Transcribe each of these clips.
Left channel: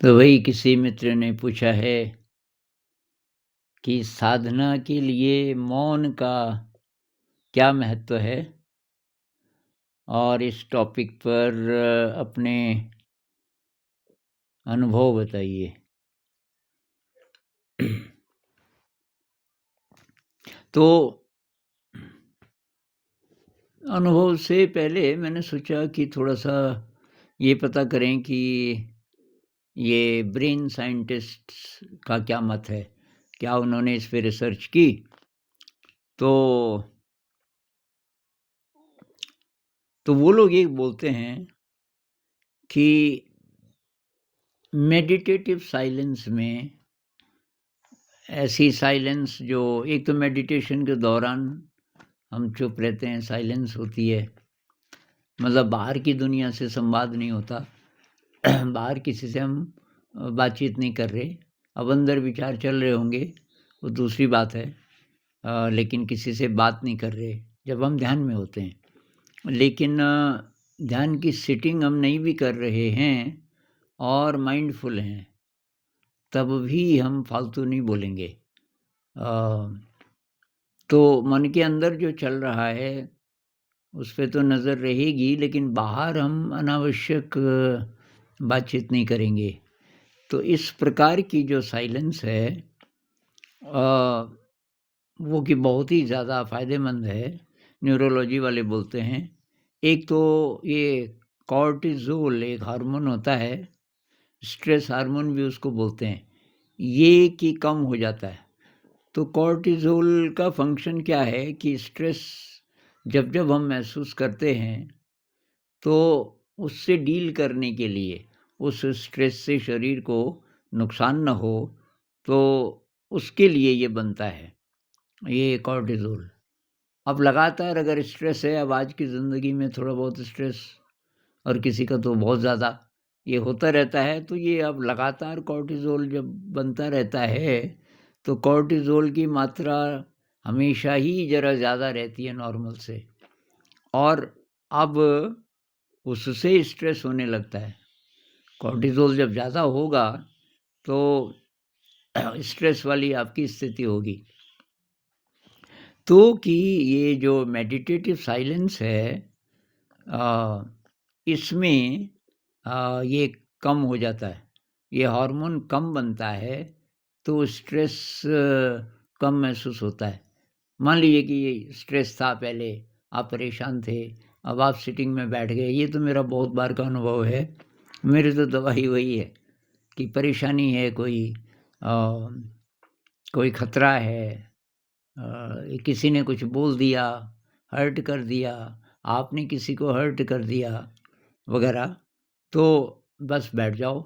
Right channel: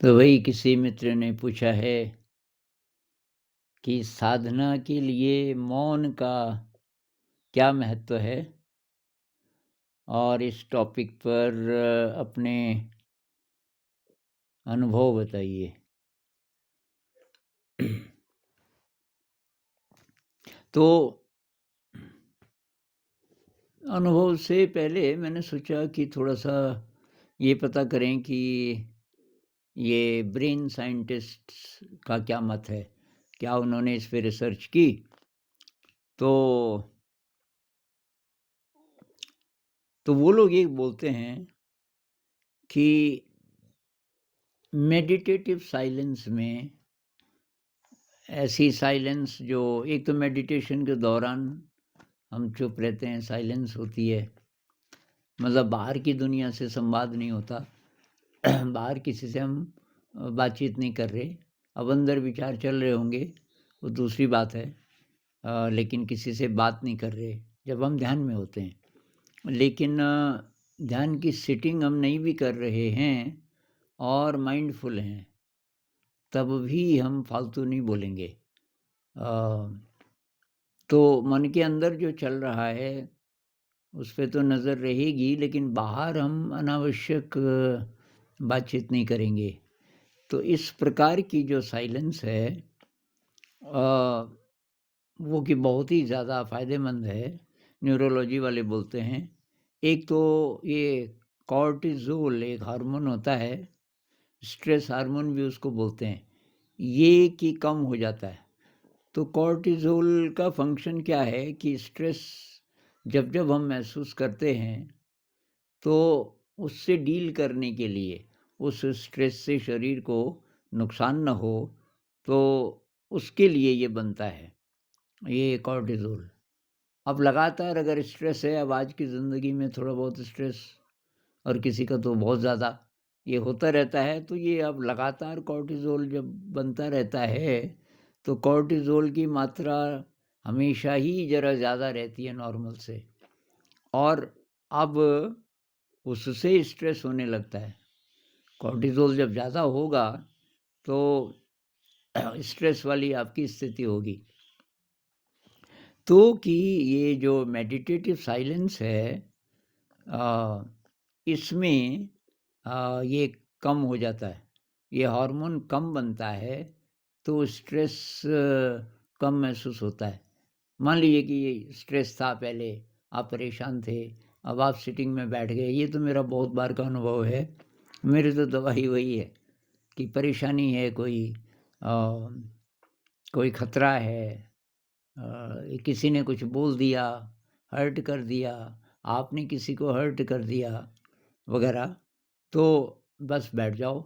तो वही किसी मित्र ने पूछा है कि साधना के लिए मौन का क्या महत्व है? और इस टॉपिक पर अपने अनुभव बताइए। तो अनुभव से पहले मैंने सोचा कि थोड़ा-सा ये पता करें कि ये ब्रेन साइंटिस्ट्स का क्या मत है? क्या उन्होंने इस पे रिसर्च की? तो वो लोग ये बोलते हैं कि मेडिटेटिव साइलेंस में ऐसी साइलेंस जो एक तो मेडिटेशन के दौरान हम चुप रहते हैं, साइलेंस होती है, मतलब बाहर की दुनिया से संवाद नहीं होता। बाहर किसी से हम बातचीत नहीं कर रहे। अब अंदर विचार चल रहे होंगे, वो दूसरी बात है। लेकिन किसी से बात नहीं कर रहे, जब हम ध्यान में होते हैं। लेकिन ध्यान की सिटिंग हम नहीं भी कर रहे हैं और माइंडफुल हैं, तब भी हम फालतू नहीं बोलेंगे। अ, तो मन के अंदर जो चल रहा है, उस पे तो नज़र रहेगी, लेकिन बाहर हम अनावश्यक बातचीत नहीं करेंगे। तो इस प्रकार की जो साइलेंस है अ, वो कि बहुत ही ज़्यादा फ़ायदेमंद है, न्यूरोलॉजी वाले बोलते हैं। एक तो ये कॉर्टिज़ोल एक हार्मोन होता है, स्ट्रेस हार्मोन भी उसको बोलते हैं, ये कि कम हो जाता है। तो कॉर्टिज़ोल का फ़ंक्शन क्या है कि स्ट्रेस जब-जब हम महसूस करते हैं, तो उससे डील करने के लिए, उस स्ट्रेस से शरीर को नुकसान ना हो, तो उसके लिए ये बनता है, ये कॉर्टिज़ोल। अब लगातार अगर स्ट्रेस है, अब आज की ज़िंदगी में थोड़ा बहुत स्ट्रेस और किसी का तो बहुत ज़्यादा, ये होता रहता है, तो ये अब लगातार कॉर्टिज़ोल जब बनता रहता है, तो कॉर्टिज़ोल की मात्रा हमेशा ही ज़रा ज़्यादा रहती है नॉर्मल से, और अब उससे स्ट्रेस होने लगता है। कॉर्टिज़ोल जब ज़्यादा होगा, तो स्ट्रेस वाली आपकी स्थिति होगी। तो कि ये जो मेडिटेटिव साइलेंस है, अ, इसमें ये कम हो जाता है, ये हार्मोन कम बनता है, तो स्ट्रेस कम महसूस होता है। मान लीजिए कि ये स्ट्रेस था पहले, आप परेशान थे, अब आप सिटिंग में बैठ गए, ये तो मेरा बहुत बार का अनुभव है। मेरी तो दवाई वही है कि परेशानी है, कोई खतरा है, किसी ने कुछ बोल दिया, हर्ट कर दिया, आपने किसी को हर्ट कर दिया वगैरह, तो बस बैठ जाओ।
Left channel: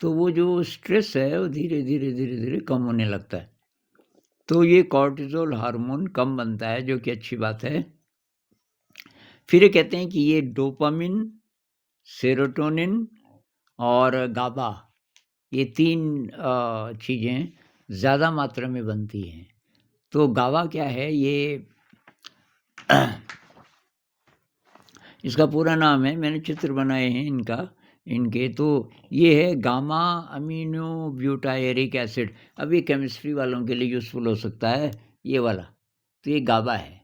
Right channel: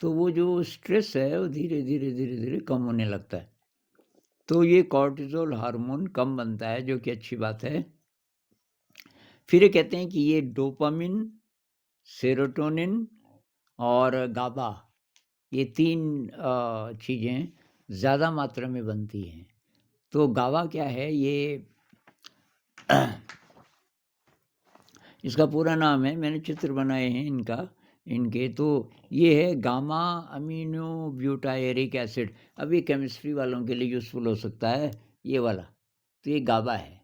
तो वो जो स्ट्रेस है, वो धीरे-धीरे, धीरे-धीरे कम होने लगता है। तो ये कॉर्टिज़ोल हार्मोन कम बनता है, जो कि अच्छी बात है। फिर ये कहते हैं कि ये डोपामाइन, सेरोटोनिन और गाबा, ये 3 चीज़ें ज़्यादा मात्रा में बनती हैं। तो गाबा क्या है? ये इसका पूरा नाम है, मैंने चित्र बनाए हैं इनके, तो ये है गामा अमीनो ब्यूटायरिक एसिड। अब ये केमिस्ट्री वालों के लिए यूज़फुल हो सकता है, ये वाला। तो ये गाबा है।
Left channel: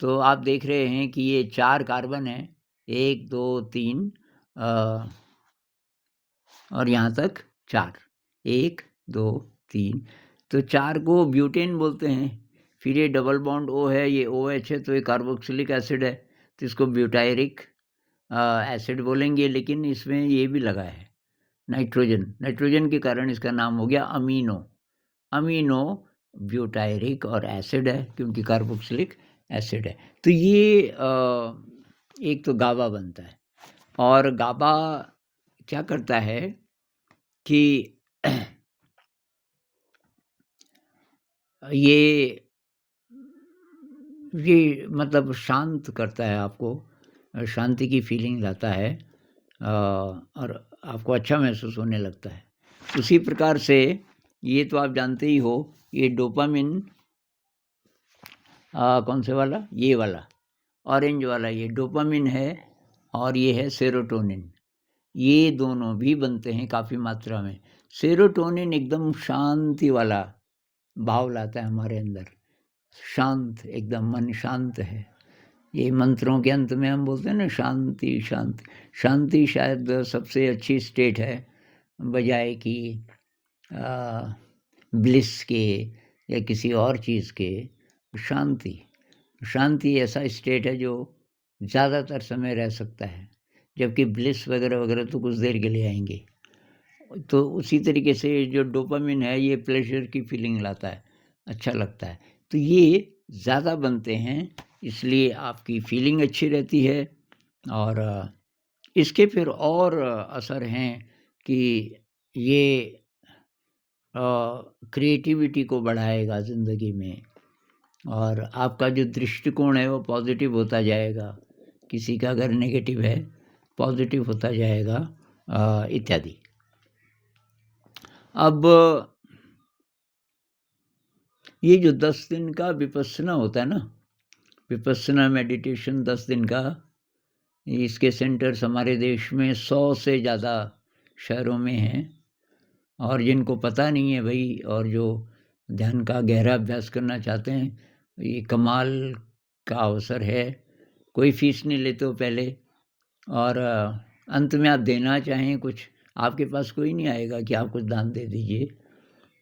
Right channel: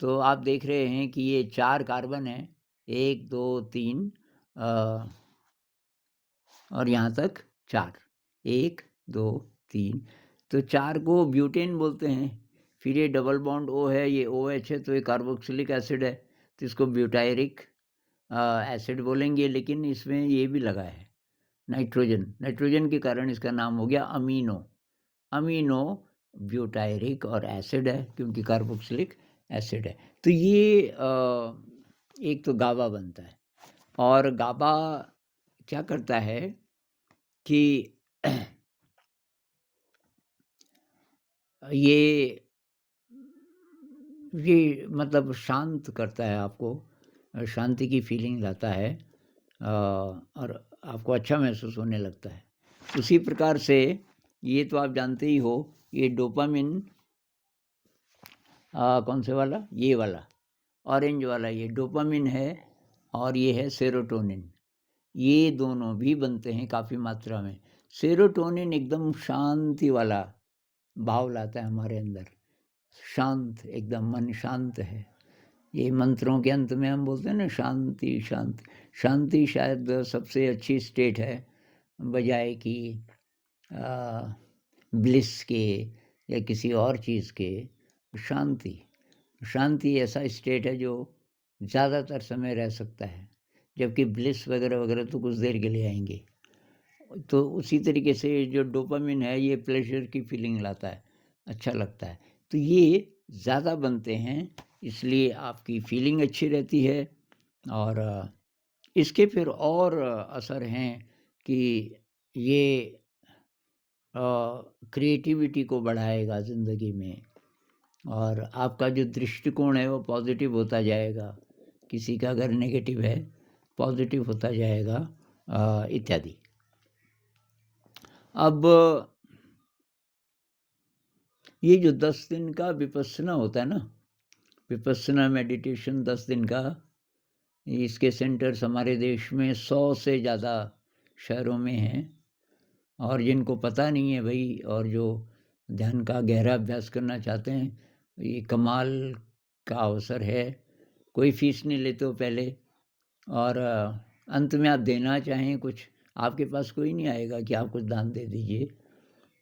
तो आप देख रहे हैं कि ये 4 कार्बन है, 1, 2, 3 अ, और यहाँ तक 4, 1, 2, 3, तो 4 को ब्यूटेन बोलते हैं। फिर ये डबल बॉन्ड O है, ये OH है, तो ये कार्बोक्सिलिक एसिड है, तो इसको ब्यूटायरिक एसिड बोलेंगे, लेकिन इसमें ये भी लगा है नाइट्रोजन, नाइट्रोजन के कारण इसका नाम हो गया अमीनो। अमीनो ब्यूटायरिक और एसिड है, क्योंकि कार्बोक्सिलिक एसिड है। तो ये एक तो गाबा बनता है, और गाबा क्या करता है कि ये मतलब शांत करता है आपको, शांति की फीलिंग लाता है, और आपको अच्छा महसूस होने लगता है। उसी प्रकार से ये तो आप जानते ही हो, ये डोपामिन कौन से वाला? ये वाला, ऑरेंज वाला, ये डोपामिन है, और ये है सेरोटोनिन। ये दोनों भी बनते हैं काफ़ी मात्रा में। सेरोटोनिन एकदम शांति वाला भाव लाता है हमारे अंदर, शांत एकदम, मन शांत है। ये मंत्रों के अंत में हम बोलते हैं ना, शांति शांति। शांति शायद सबसे अच्छी स्टेट है बजाय कि ब्लिस के या किसी और चीज़ के। शांति, शांति ऐसा स्टेट है जो ज़्यादातर समय रह सकता है, जबकि ब्लिस वगैरह वगैरह तो कुछ देर के लिए आएंगे। तो उसी तरीके से जो डोपामिन है ये प्लेजर की फीलिंग लाता है, अच्छा लगता है। तो ये ज़्यादा बनते हैं, इसलिए आपकी फीलिंग अच्छी रहती है। और इसके फिर और असर हैं कि ये क्रिएटिविटी को बढ़ाएगा ज़िंदगी में, और आपका जो दृष्टिकोण है वो पॉजिटिव होता जाएगा। किसी का अगर नेगेटिव है, पॉजिटिव होता जाएगा, इत्यादि। अब ये जो 10 दिन का विपस्सना होता है ना, विपस्सना मेडिटेशन 10 दिन का, इसके सेंटर्स हमारे देश में 100 से ज़्यादा शहरों में हैं। और जिनको पता नहीं है भाई, और जो ध्यान का गहरा अभ्यास करना चाहते हैं, ये कमाल का अवसर है। कोई फीस नहीं लेते हो पहले, और अंत में आप देना चाहें कुछ, आपके पास कोई नहीं आएगा कि आप कुछ दान दे दीजिए।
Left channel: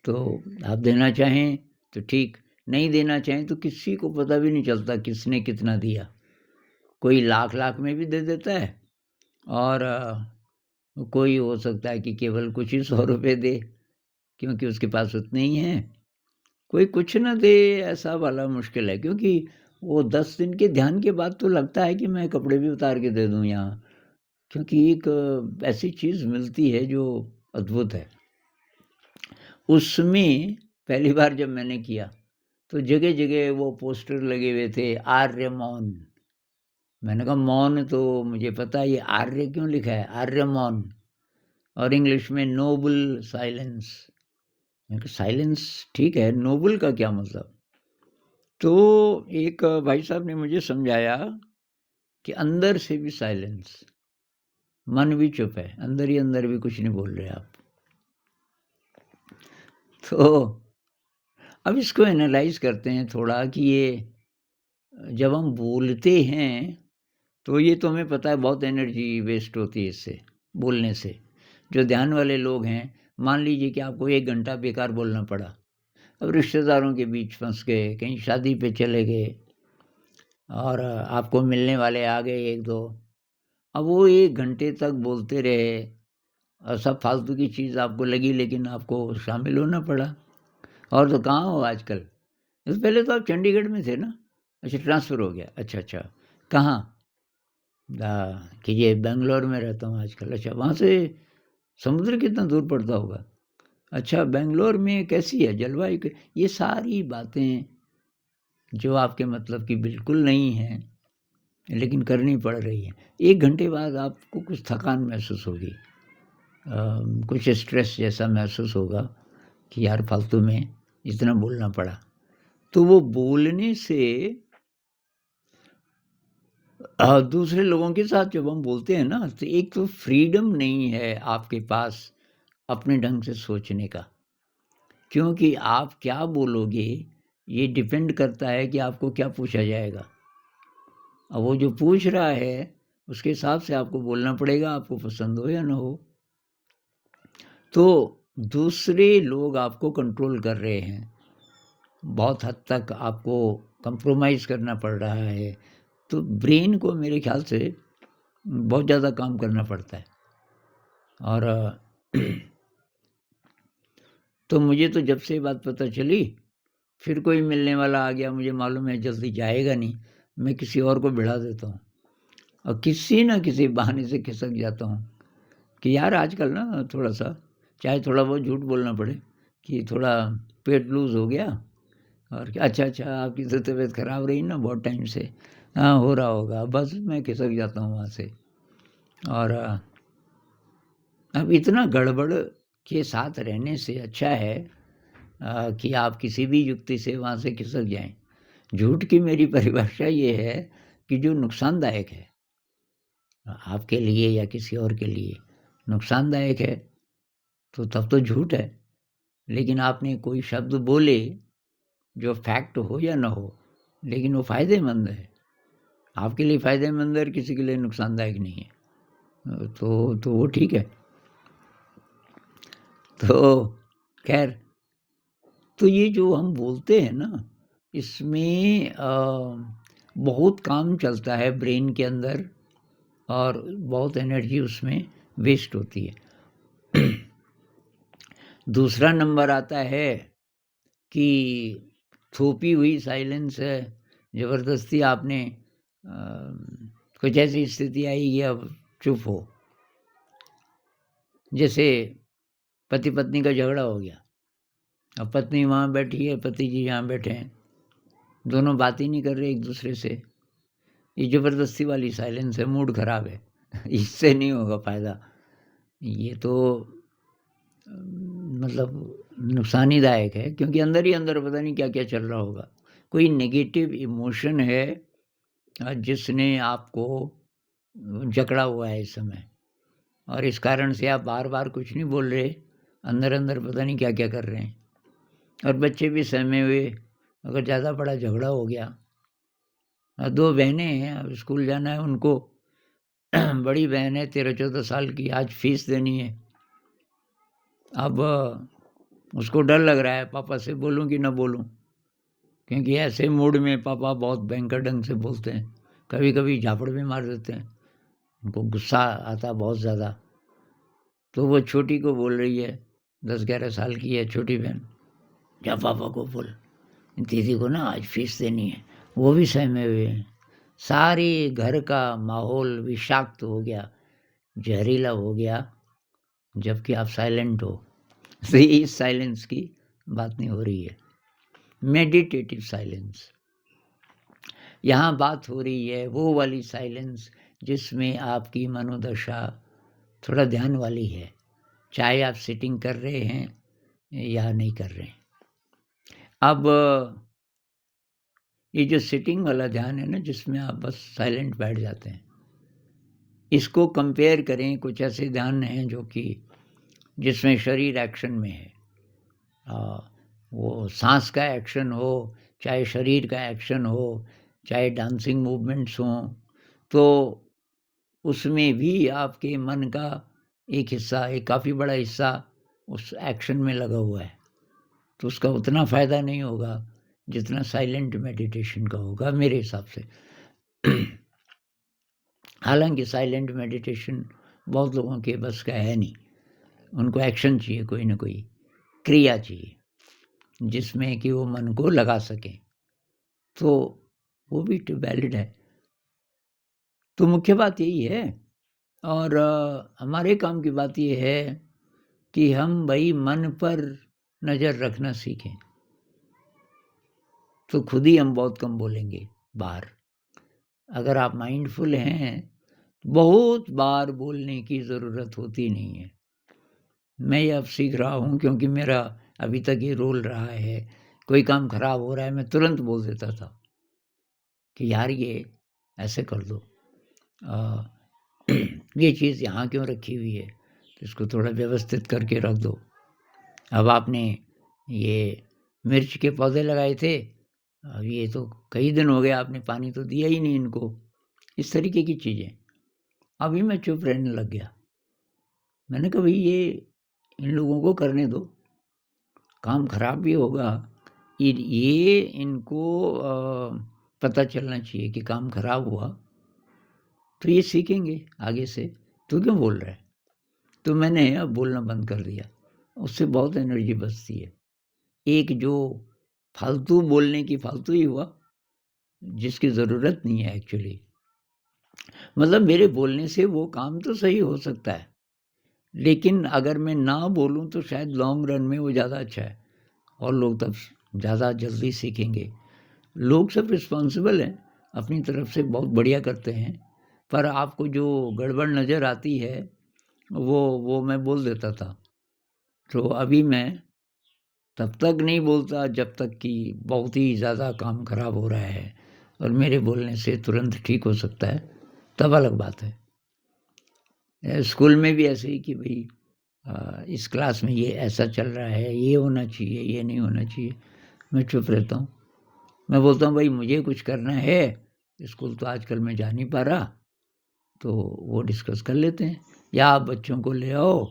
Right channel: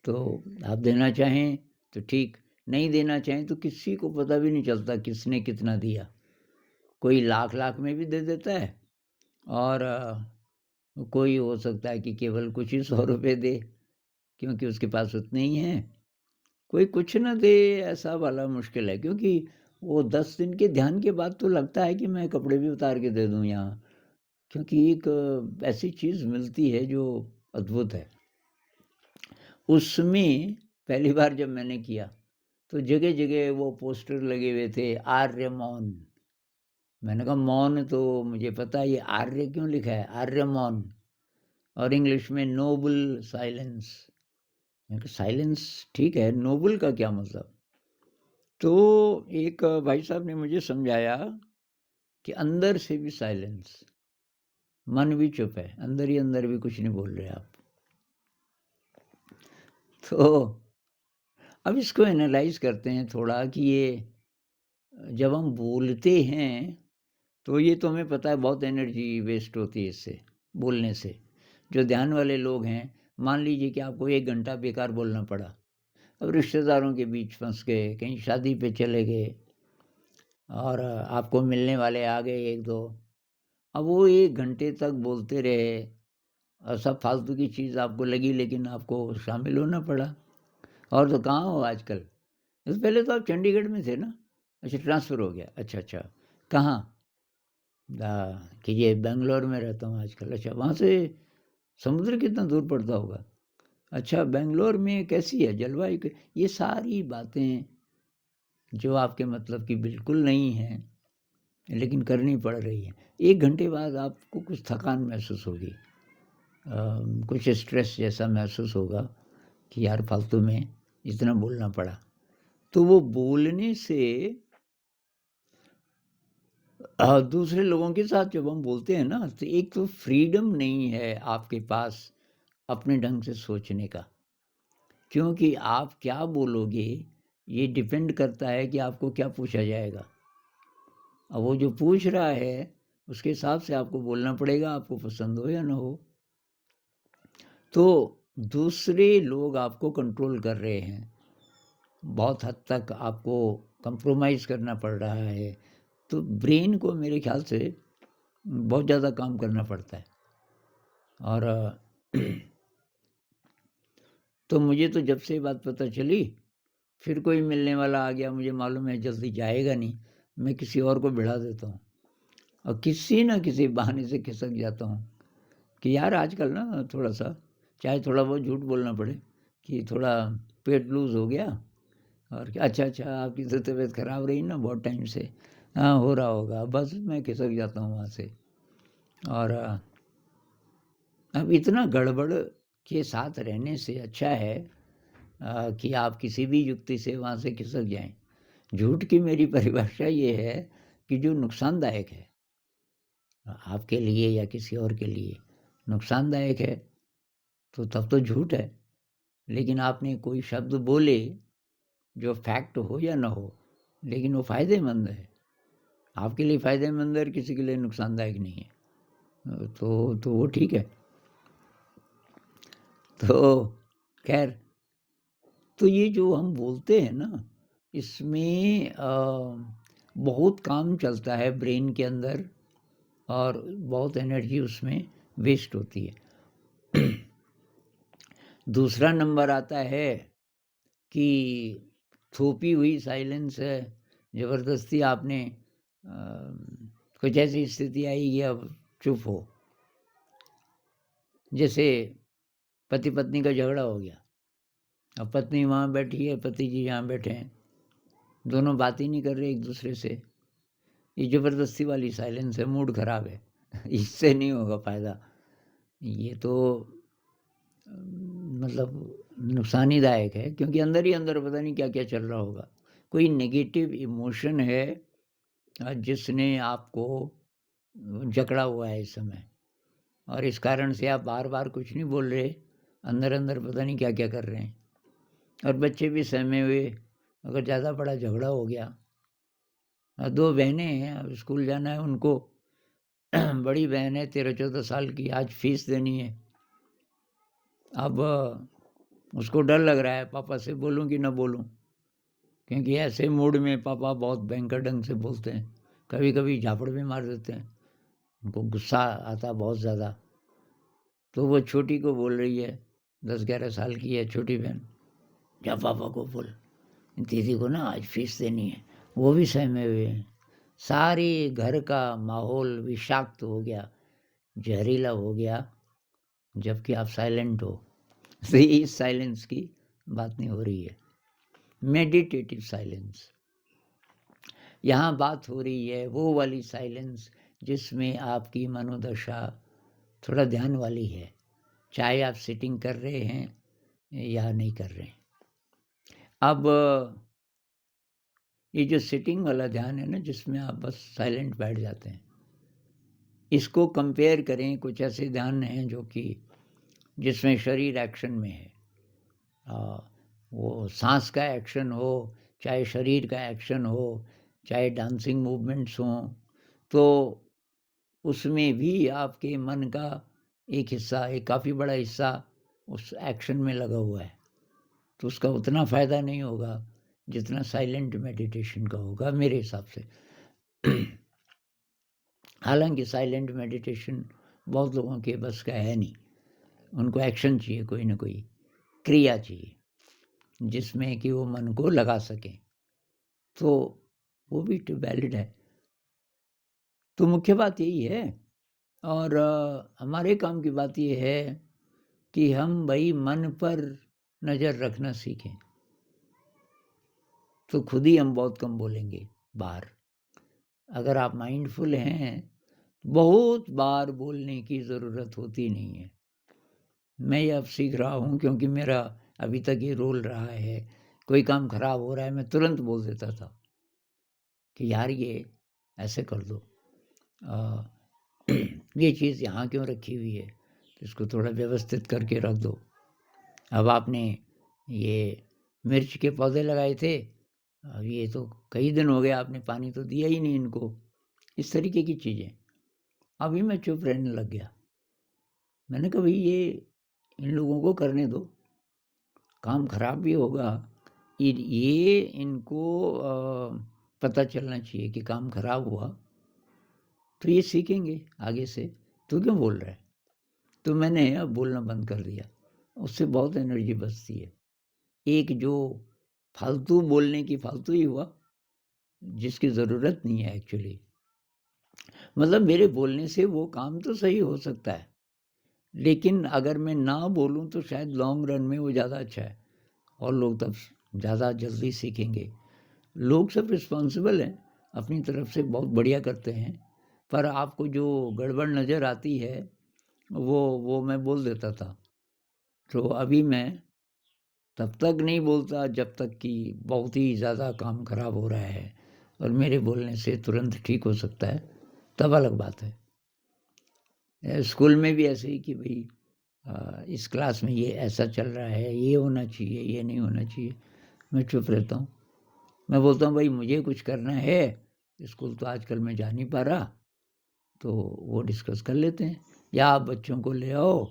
तो आप देना चाहें तो ठीक, नहीं देना चाहें तो किसी को पता भी नहीं चलता किसने कितना दिया। कोई लाख लाख में भी दे देता है, और कोई हो सकता है कि केवल कुछ ही 100 रुपये दे, क्योंकि उसके पास उतने ही हैं। कोई कुछ ना दे, ऐसा वाला मुश्किल है, क्योंकि वो 10 दिन के ध्यान के बाद तो लगता है कि मैं कपड़े भी उतार के दे दूं यहाँ, क्योंकि एक ऐसी चीज़ मिलती है जो अद्भुत है। उसमें पहली बार जब मैंने किया तो जगह जगह वो पोस्टर लगे हुए थे, आर्य मौन। मैंने कहा मौन तो मुझे पता है, ये आर्य क्यों लिखा है, आर्य मौन, और इंग्लिश में नोबल साइलेंस। मैंने कहा साइलेंस ठीक है, नोबल का क्या मतलब। तो एक भाई साहब ने मुझे समझाया कि अंदर से भी साइलेंस, मन भी चुप है, अंदर ही अंदर भी कुछ नहीं बोल रहे आप। तो अब इसको एनालाइज करते हैं थोड़ा कि ये जब हम बोलते हैं तो ये तो हमें पता है बहुत एनर्जी वेस्ट होती है इससे, बोलने से। जो ध्यान वाले लोग हैं, मान लीजिए कि आपको 1 घंटा बेकार बोलना पड़ा, अब रिश्तेदारों के बीच फंस गए, कहीं शादी पे चले गए, और आपको मिलने वाले आ गए 1-2, अब वो 1 घंटे तक बोलते रहे और सब फालतू की चीज़ आपको लगी, लेकिन आपको शामिल होना पड़ा। और तो कहाँ हो आजकल, इससे पहले तो आप चंडीगढ़ में थे ना, अच्छा ट्रांसफ़र हो गया, अच्छा अच्छा, कहाँ? कि ये बेंगलोर में रहता हूँ आजकल, अच्छा वहाँ से समुद्र कितना दूर पड़ता होगा, अच्छा बेंगलोर में कैसी है जलवायु, ये सारी बातें जो आपके मतलब की बिल्कुल नहीं हैं, लेकिन करनी पड़ रही है। 1 घंटे बाद आपको कुछ थकान महसूस होगी, कुछ स्ट्रेस जैसा महसूस होगा कि यार फालतू में इतना बोलना पड़ा। तो वो बोलने से दूसरे लोगों के साथ जब हम बोलते हैं ना, तो एक तो फ्रीडम नहीं है आपके पास अपने ढंग से सोचने का, क्योंकि आप क्या बोलोगे ये डिपेंड करता है कि आपको क्या पूछा जाएगा। अब वो जो पूछ रहा है उसके हिसाब से आपको बोलना पड़ेगा, आपको पसंद हो या ना हो। तो दूसरे लोग आपको कंट्रोल कर रहे हैं, बहुत हद तक आपको कंप्रोमाइज़ करना पड़ रहा है, तो ब्रेन को मेरे ख्याल से बहुत ज़्यादा काम करना पड़ता है। और तो मुझे तो जब से ये बात पता चली, फिर कोई मिलने वाला आ गया, मुझे मालूम है जल्दी जाएगा नहीं, मैं किसी और को बिठा देता हूँ, और किसी न किसी बहाने से खिसक जाता हूँ कि यार आजकल ना थोड़ा-सा, चाहे थोड़ा बहुत झूठ बोलना पड़े कि थोड़ा पेट लूज़ हो गया, और क्या अच्छा, अच्छा आपकी तो तबीयत ख़राब रही ना बहुत टाइम से, हाँ हो रहा होगा, बस मैं खिसक जाता हूँ वहाँ से। और अब इतना गड़बड़ के साथ रहने से अच्छा है कि आप किसी भी युक्ति से वहाँ से खिसक जाएँ। झूठ की मेरी परिभाषा ये है कि जो नुकसानदायक है आपके लिए या किसी और के लिए, नुकसानदायक है तो तब तो झूठ है। लेकिन आपने कोई शब्द बोले जो फैक्ट हो या ना हो, लेकिन वो फ़ायदेमंद है, आपके लिए फ़ायदेमंद है और किसी के लिए नुकसानदायक नहीं है, तो वो ठीक है। तो खैर, तो ये जो हम बोलते हैं ना, इसमें बहुत काम चलता है ब्रेन के अंदर और बहुत एनर्जी उसमें वेस्ट होती है। दूसरा नंबर आता है कि थोपी हुई साइलेंस है, ज़बरदस्ती आपने कुछ ऐसी स्थिति आई कि अब चुप हो। जैसे पति पत्नी का झगड़ा हो गया, अब पत्नी वहाँ बैठी है, पति जी यहाँ बैठे हैं, दोनों बात ही नहीं कर रहे एक दूसरे से। ये ज़बरदस्ती वाली साइलेंस है, मूड खराब है। इससे नहीं होगा फ़ायदा, ये तो मतलब नुकसानीदायक है, क्योंकि अंदर ही अंदर पता नहीं क्या क्या चल रहा होगा। कोई नेगेटिव इमोशन है जिसने आपको जकड़ा हुआ है इस समय, और इस कारण से आप बार बार कुछ नहीं बोल रहे, अंदर अंदर पता नहीं क्या क्या कर रहे हैं। और बच्चे भी सहमे हुए, अगर ज़्यादा बड़ा झगड़ा हो गया, 2 बहनें हैं, अब स्कूल जाना है उनको, बड़ी बहन है 13-14 साल की, आज फीस देनी है। अब उसको डर लग रहा है पापा से बोलूं कि ना बोलूं, क्योंकि ऐसे मूड में पापा बहुत भयंकर ढंग से बोलते हैं, कभी कभी झापड़ भी मार देते हैं, उनको गुस्सा आता बहुत ज़्यादा। तो वो छोटी को बोल रही है, 10-11 साल की है छोटी बहन, जा पापा को बोल, दीदी को ना आज फीस देनी है। वो भी सहमे हुए हैं। सारे घर का माहौल विषाक्त हो गया, जहरीला हो गया, जबकि आप साइलेंट हो। तो इस साइलेंस की बात नहीं हो रही है, मेडिटेटिव साइलेंस। यहाँ बात हो रही है वो वाली साइलेंस जिसमें आपकी मनोदशा थोड़ा ध्यान वाली है, चाहे आप सिटिंग कर रहे हैं या नहीं कर रहे हैं। अब ये जो सिटिंग वाला ध्यान है ना, जिसमें आप बस साइलेंट बैठ जाते हैं, इसको कंपेयर करें कुछ ऐसे ध्यान हैं जो कि जिसमें शरीर एक्शन में है। वो सांस का एक्शन हो, चाहे शरीर का एक्शन हो, चाहे डांसिंग मूवमेंट्स हों, तो उसमें भी आपके मन का एक हिस्सा, एक काफ़ी बड़ा हिस्सा उस एक्शन में लगा हुआ है, तो उसका उतना फ़ायदा नहीं होगा जितना साइलेंट मेडिटेशन का होगा मेरे हिसाब से। हालांकि साइलेंट मेडिटेशन बहुत लोगों के बस का है नहीं, उनको एक्शन चाहिए, कोई ना कोई क्रिया चाहिए जिसमें कि वो मन को लगा सके, तो वो भी वैलिड है। तो मुख्य बात यही है, और हमारे काम की बात ये है कि हम भाई मन पर नज़र रखना सीखें, तो खुद ही हम बहुत कम बोलेंगे बाहर। अगर आप माइंडफुल हैं, बहुत बार बोलने की ज़रूरत होती नहीं है। मैं ये अब सीख रहा हूँ, क्योंकि मेरा अभी तक ये रोल रहा है, कोई काम खराब हो रहा है मैं तुरंत बोल देता था कि यार ये ऐसे कर दो, ये चीज़ यहाँ क्यों रखी हुई है, तो इसको थोड़ा व्यवस्थित करके रख दो। अब आपने ये मिर्च के पौधे लगाए थे, अब ये तो कई दिन हो गए आपने पानी तो दिया ही नहीं इनको, इस तरीके की चीज़ें। अभी मैं चुप रहने लग गया, मैंने कहा भाई ये इन लोगों को करने दो, काम खराब भी होगा, ये इनको पता चलना चाहिए कि काम खराब हुआ, तो ये सीखेंगे आगे से, तो क्यों बोल रहा है। तो मैंने अब बोलना बंद कर दिया, उससे बहुत एनर्जी बचती है। एक जो फालतू बोलने की फालतू ही हुआ, जिसकी ज़रूरत नहीं है एक्चुअली, मतलब मेरे बोलने से वो काम तो सही हो सकता है, लेकिन अगर मैं ना बोलूं तो शायद लॉन्ग रन में वो ज़्यादा अच्छा है, और लोग तब ज़्यादा जल्दी सीखेंगे। लोग सब रिस्पॉन्सिबल हैं, अपनी तरफ से बहुत बढ़िया करते हैं, पर आपको जो गड़बड़ नज़र आती है वो मैं बोल देता था। तो अभी मैं तब तक नहीं बोलता जब तक कि बहुत ही ज़्यादा काम खराब हो रहा है और मेरे बोलने से तुरंत ठीक हो सकता है, तब अलग बात है। स्कूल में भी ऐसे ही कि भाई इस क्लास में ये ऐसा चल रहा है, ये होना चाहिए, ये नहीं होना चाहिए। मैं चुप रहता हूँ। मैं बोलता हूँ भाई मुझे कुछ करना है, स्कूल तो आजकल मैं जा नहीं पा रहा, तो वो डिस्कस कर लेते हैं, या आप बच्चों को ले आओ,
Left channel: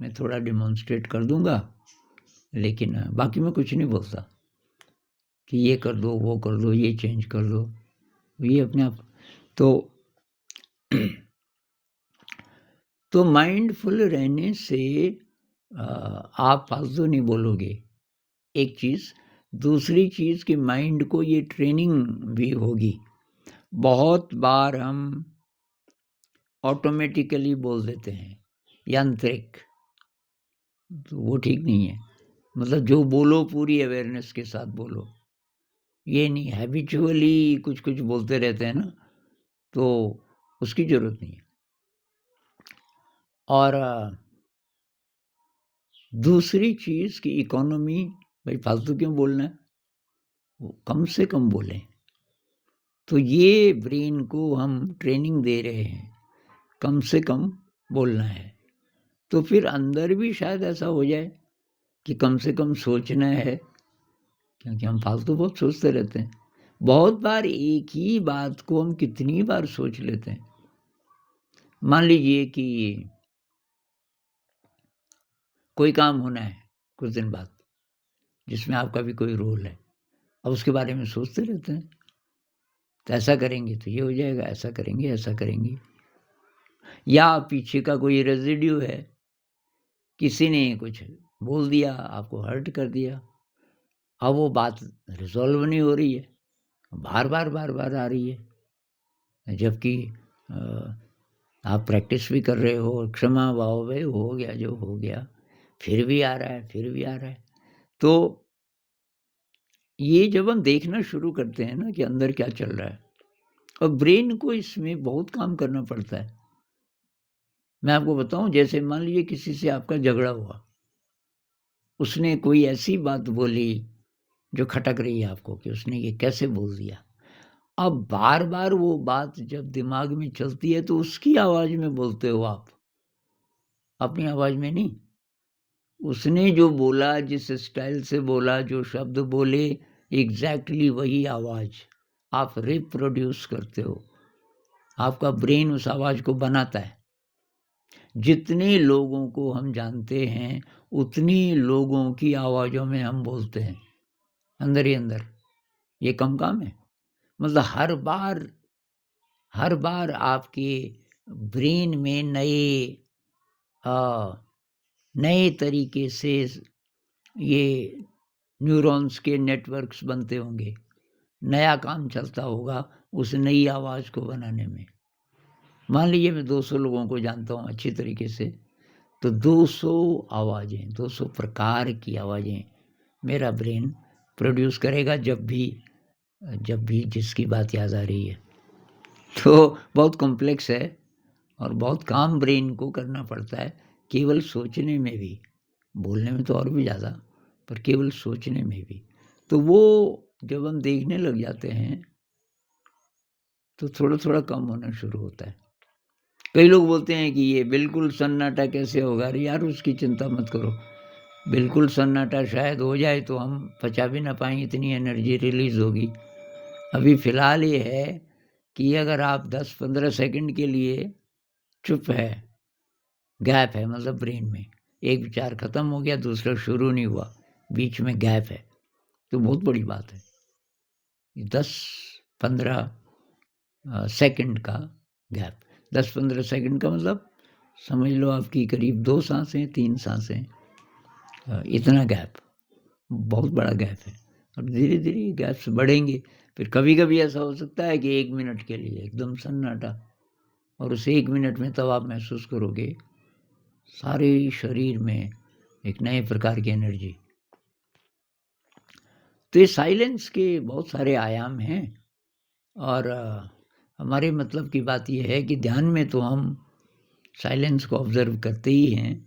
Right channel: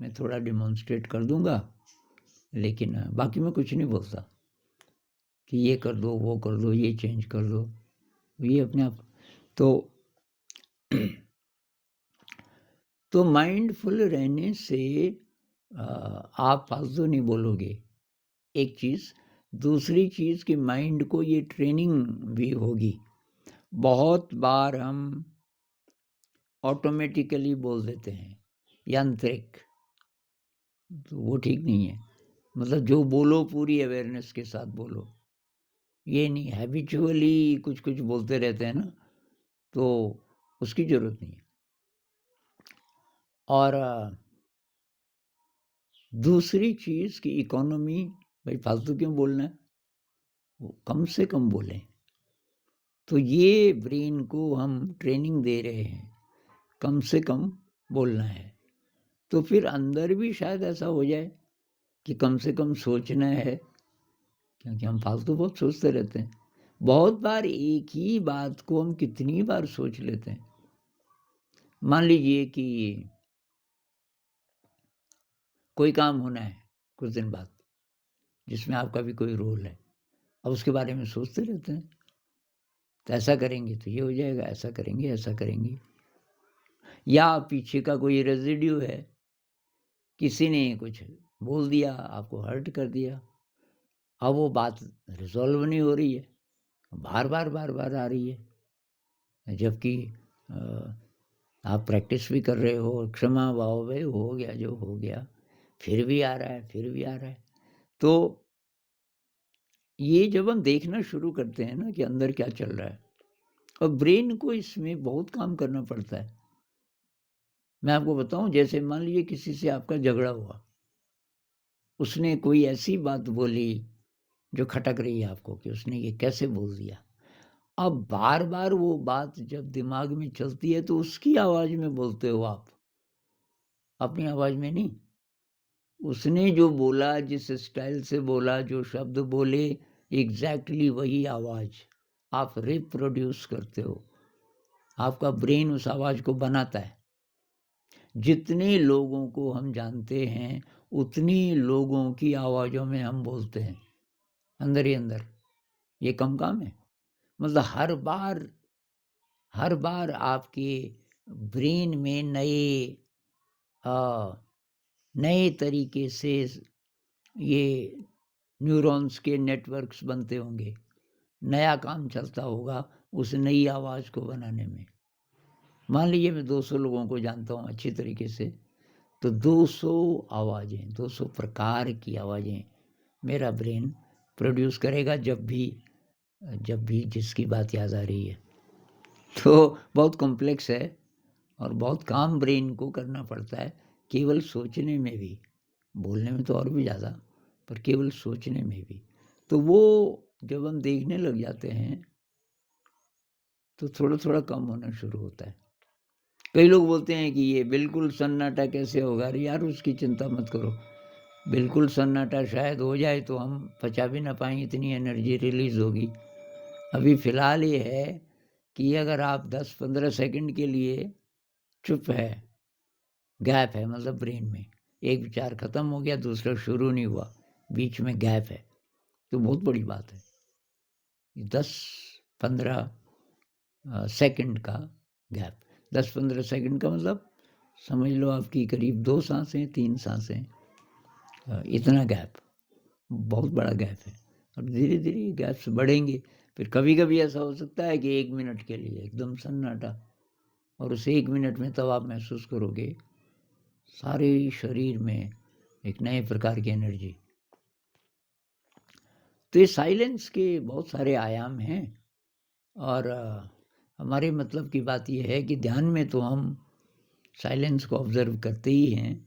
मैं थोड़ा डिमॉन्स्ट्रेट कर दूंगा, लेकिन बाकी मैं कुछ नहीं बोलता कि ये कर दो, वो कर दो, ये चेंज कर दो, ये अपने आप। तो माइंडफुल रहने से आप फालतू नहीं बोलोगे, एक चीज़। दूसरी चीज़ कि माइंड को ये ट्रेनिंग भी होगी। बहुत बार हम ऑटोमेटिकली बोल देते हैं, यांत्रिक, तो वो ठीक नहीं है। मतलब जो बोलो पूरी अवेयरनेस के साथ बोलो, ये नहीं हैबिचुअली कुछ कुछ बोलते रहते हैं ना, तो उसकी ज़रूरत नहीं है। और दूसरी चीज़ कि इकोनॉमी, भाई फालतू क्यों बोलना है, वो कम से कम बोलें। तो ये ब्रेन को हम ट्रेनिंग दे रहे हैं, कम से कम बोलना है। तो फिर अंदर भी शायद ऐसा हो जाए कि कम से कम सोचना है, क्योंकि हम फालतू बहुत सोचते रहते हैं। बहुत बार एक ही बात को हम कितनी बार सोच लेते हैं। मान लीजिए कि कोई काम होना है कुछ दिन बाद, जिसमें आपका भी कोई रोल है, अब उसके बारे में सोचते रहते हैं, तो ऐसा करेंगे तो ये हो जाएगा, ऐसा करेंगे, ऐसा करेंगे। या पीछे का कोई रेजिड्यू है, किसी ने कुछ बोल दिया, आपको हर्ट कर दिया, अब वो बात रिजॉल्व नहीं हो रही है, बार बार बार बार आ रही है, जबकि आप प्रैक्टिस भी कर रहे हो, क्षमा भाव में हो गया जो हो गया, फिर भी आ रहा है, फिर भी आ रहा है। तो ये जब हम देखना शुरू करते हैं ना कि अंदर क्या चल रहा है, और ब्रेन को इसमें बहुत काम करना पड़ता है। मैं आपको बताऊं, जैसे मान लीजिए किसी से आपका झगड़ा हुआ, उसने कोई ऐसी बात बोली जो खटक रही है आपको कि उसने ये कैसे बोल दिया। अब बार बार वो बात जब दिमाग में चलती है तो उसकी आवाज में बोलते हो आप, अपनी आवाज में नहीं। उसने जो बोला, जिस स्टाइल से बोला, जो शब्द बोले, एग्जैक्टली वही आवाज आप रिप्रोड्यूस करते हो। आपका ब्रेन उस आवाज को बनाता है। जितने लोगों को हम जानते हैं, उतनी लोगों की आवाजों में हम बोलते हैं, अंदर ही अंदर। ये कम काम है। मतलब हर बार आपके ब्रेन में नए तरीके से ये न्यूरॉन्स के नेटवर्क्स बनते होंगे, नया काम चलता होगा उस नई आवाज़ को बनाने में। मान लीजिए मैं 200 लोगों को जानता हूँ अच्छी तरीके से, तो 200 आवाज़ें, 200 प्रकार की आवाज़ें मेरा ब्रेन प्रोड्यूस करेगा जब भी जिसकी बात याद आ रही है। तो बहुत कॉम्प्लेक्स है और बहुत काम ब्रेन को करना पड़ता है, केवल सोचने में भी, बोलने में तो और भी ज़्यादा, पर केवल सोचने में भी। तो वो जब हम देखने लग जाते हैं तो थोड़ा थोड़ा कम होना शुरू होता है। कई लोग बोलते हैं कि ये बिल्कुल सन्नाटा कैसे होगा। अरे यार, उसकी चिंता मत करो, बिल्कुल सन्नाटा शायद हो जाए तो हम पचा भी ना पाएँ, इतनी एनर्जी रिलीज़ होगी। अभी फ़िलहाल ये है कि अगर आप 10-15 सेकंड के लिए चुप है, गैप है, मतलब ब्रेन में एक विचार खत्म हो गया, दूसरा शुरू नहीं हुआ, बीच में गैप है, तो बहुत बड़ी बात है। 10-15 सेकंड का गैप, 10-15 सेकंड का मतलब समझ लो आपकी करीब 2 सांसें, 3 सांसें, इतना गैप, बहुत बड़ा गैप है। और धीरे धीरे ये गैप्स बढ़ेंगे। फिर कभी कभी ऐसा हो सकता है कि 1 मिनट के लिए एकदम सन्नाटा, और उस 1 मिनट में तब आप महसूस करोगे सारे शरीर में एक नए प्रकार की एनर्जी। तो ये साइलेंस के बहुत सारे आयाम हैं। और हमारे मतलब की बात यह है कि ध्यान में तो हम साइलेंस को ऑब्जर्व करते ही हैं,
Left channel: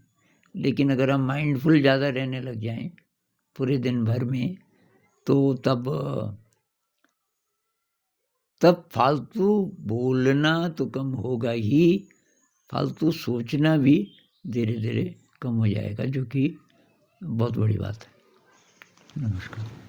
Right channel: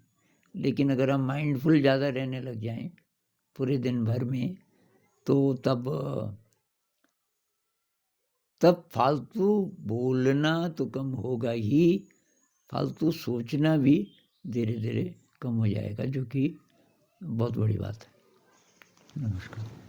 लेकिन अगर हम माइंडफुल ज़्यादा रहने लग जाएं पूरे दिन भर में, तो तब फालतू बोलना तो कम होगा ही, फालतू सोचना भी धीरे धीरे कम हो जाएगा, जो कि बहुत बड़ी बात है। नमस्कार।